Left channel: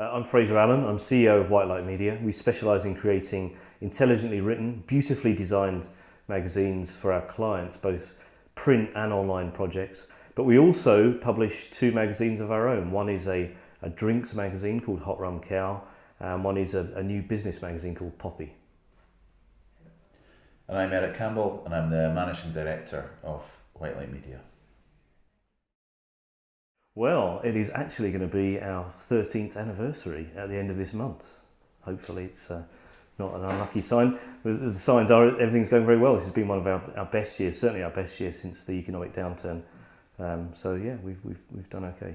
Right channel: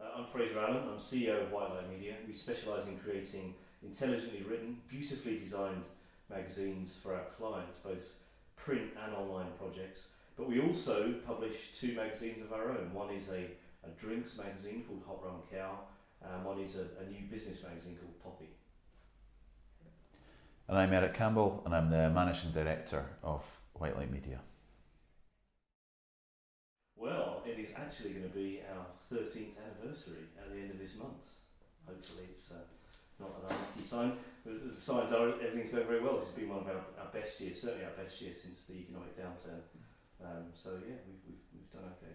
I'm Fraser Allen. I'm CEO of White Light Media. We specialise in creating intelligently written, beautifully designed magazines for our clients, both print and online projects. But we also publish two magazines of our own. One is a drinks magazine called Hot Rum Cow, and one is a new business magazine called Poppy. And I'm Eric Campbell, and I'm the Managing Director of White Light Media. Well, it is actually going to be our 13th anniversary at the end of this month. Hopefully it's not an unlucky sign. The signs are everything's going very well. This has been one of our best years, certainly our best year since the economic downturn. So yeah, we've done okay.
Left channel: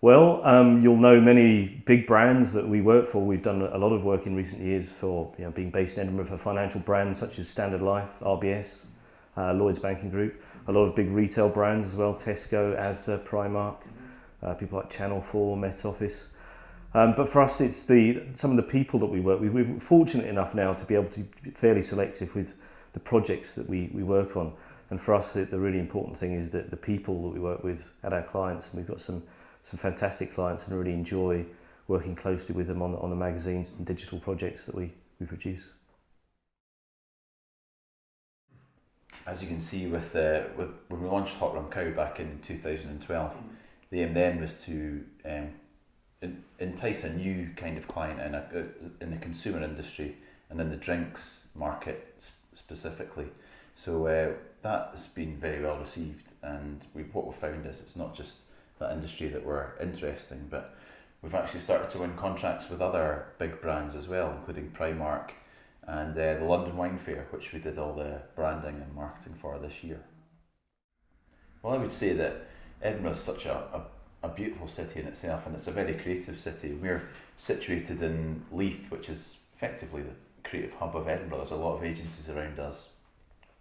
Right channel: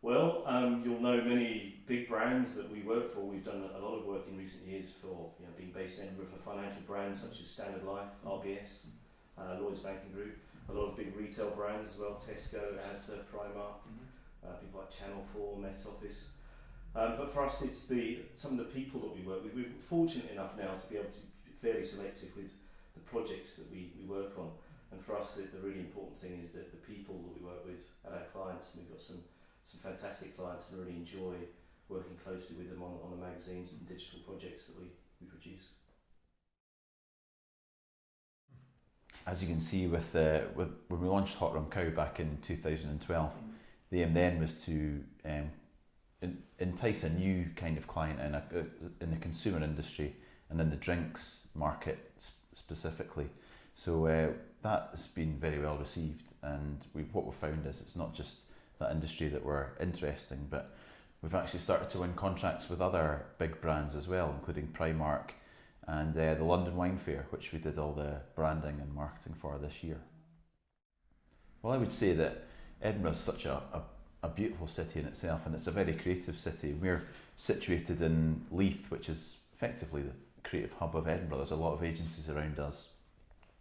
Well, you'll know many big brands that we work for. We've done a lot of work in recent years for being based in Edinburgh for financial brands such as Standard Life, RBS, Lloyds Banking Group. A lot of big retail brands as well, Tesco, Asda, Primark, people like Channel 4, Met Office. But for us, it's some of the people that we work with. We're fortunate enough now to be able to be fairly selective with the projects that we work on. And for us, the really important thing is that the people that we work with at our clients, and we've got some fantastic clients and really enjoy working closely with them on the magazines and digital projects that we produce. As you can see, with when we launched Hot Rum Cow back in 2012, the aim then was to entice a new kind of client in the consumer industry and in the drinks market specifically. So that's been very well received, and what we've found is it's not just that industry that we're interesting, but we've actually started to win contracts with other big brands as well, including Primark and the London Wine Fair, which we did all the branding and marketing for this year. Well, I would say that Edinburgh is such a beautiful city in itself, and it's a very creative city. We're situated in Leith, which is effectively the creative hub of Edinburgh. There's a lot of agencies around us,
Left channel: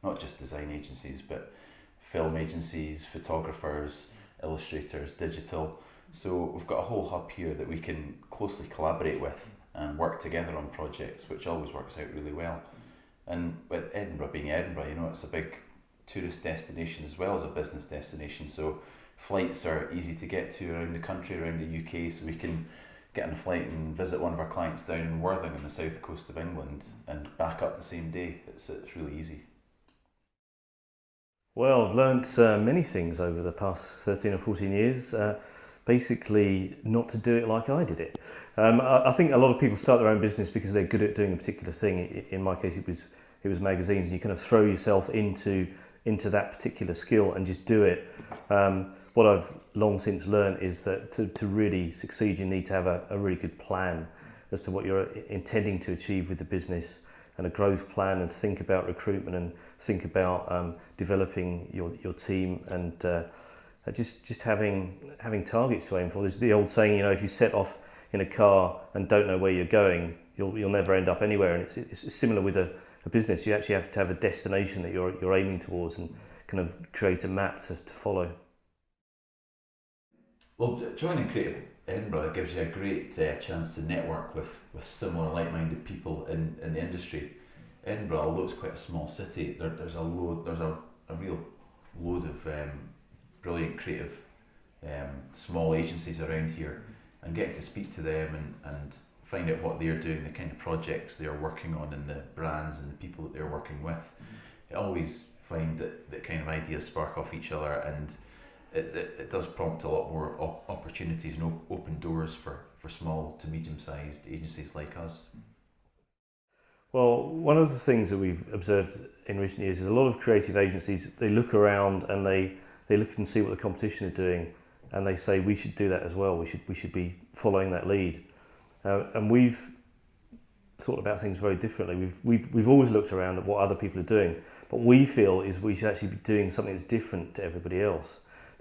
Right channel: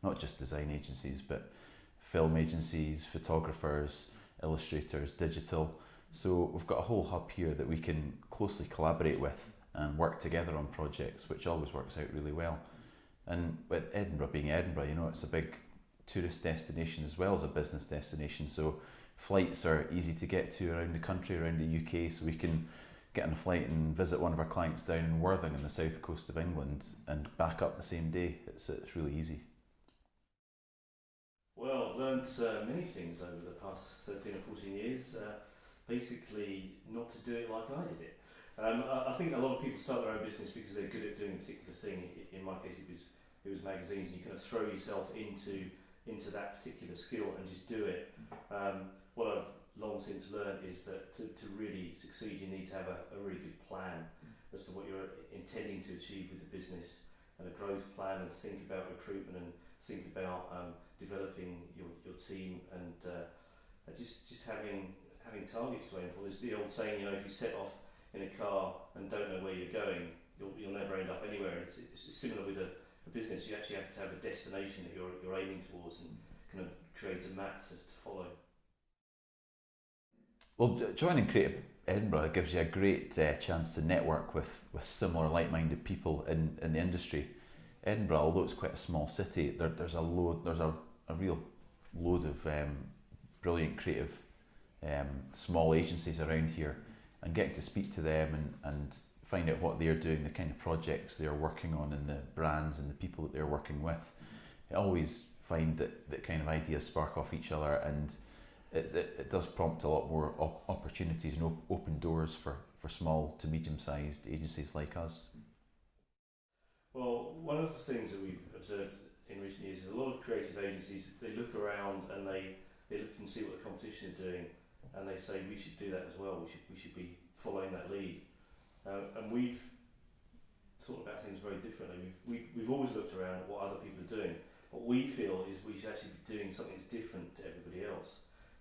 not just design agencies, but film agencies, photographers, illustrators, digital. So we've got a whole hub here that we can closely collaborate with and work together on projects, which always works out really well. And with Edinburgh being Edinburgh, it's a big tourist destination as well as a business destination. So flights are easy to get to around the country, around the UK, so we can get on a flight and visit one of our clients down in Worthing on the south coast of England and back up the same day. It's really easy. Well, I've learnt many things over the past 13 or 14 years. Basically, not to do it like I did it. I think a lot of people start their own business because they're good at doing a particular thing. In my case, it was magazines, and you kind of throw yourself into that particular skill and just do it. What I've long since learned is that to really succeed, you need to have a really good plan as to what you're intending to achieve with the business, and a growth plan, and think about recruitment, and think about developing your team, and just having targets to aim for. There's the old saying, if you set off in a car and don't know where you're going, you'll never end up anywhere. And it's similar with a business. You actually have to have a destination that you're aiming towards, and kind of create a map to follow. Well, joining Creative Edinburgh gives you a great chance to network with similar like-minded people in the industry. Edinburgh, although it's quite a small city, there's a real load of brilliant creative small agencies around here, and getting to speak to them and find out what they're doing, the kind of projects they're working on, and the brands and the people that they're working with. I always find that kind of ideas spark off each other, and it does prompt a lot more opportunities and open doors for small to medium-sized agencies like us. Well, one of the things that we've observed in recent years is a lot of creative agencies, they look around and they look and see what the competition are doing, and they say we should do that as well. We should be following that lead. And we've thought about things very differently. We've always looked around at what other people are doing, but we feel is we should actually be doing something that's different to everybody else.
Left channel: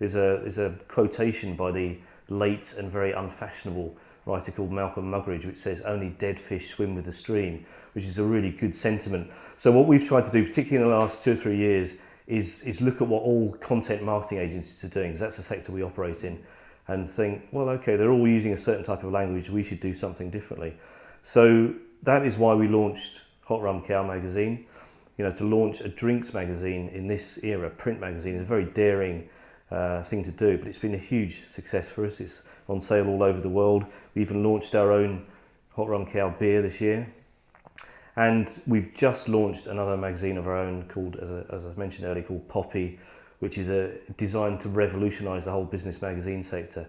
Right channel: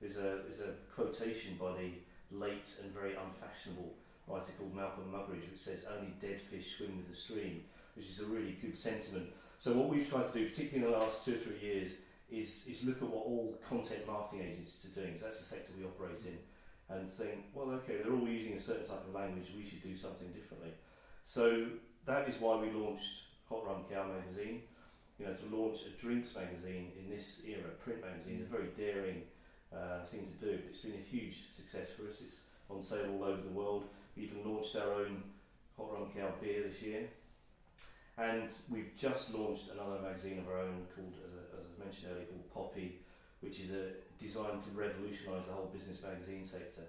There's a quotation by the late and very unfashionable writer called Malcolm Muggeridge, which says, "Only dead fish swim with the stream," which is a really good sentiment. So what we've tried to do, particularly in the last 2 or 3 years, is look at what all content marketing agencies are doing, because that's the sector we operate in, and think, well, okay, they're all using a certain type of language, we should do something differently. So that is why we launched Hot Rum Cow magazine. To launch a drinks magazine in this era, print magazine, is a very daring thing to do, but it's been a huge success for us. It's on sale all over the world. We even launched our own Hot Run Cow beer this year. And we've just launched another magazine of our own called, as I mentioned earlier, called Poppy, which is designed to revolutionise the whole business magazine sector.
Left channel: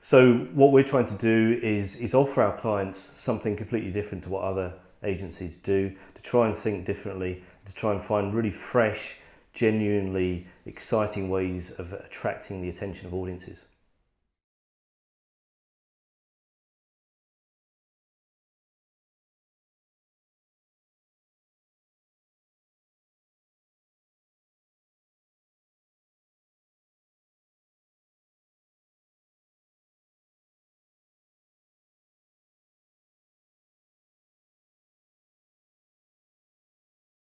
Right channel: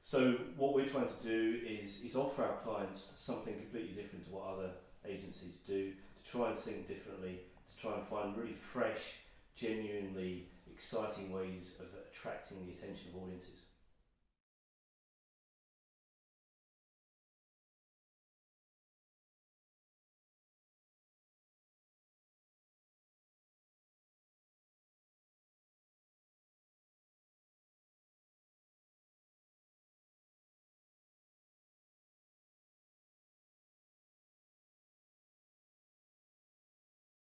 So what we're trying to do is offer our clients something completely different to what other agencies do, to try and think differently, to try and find really fresh, genuinely exciting ways of attracting the attention of audiences.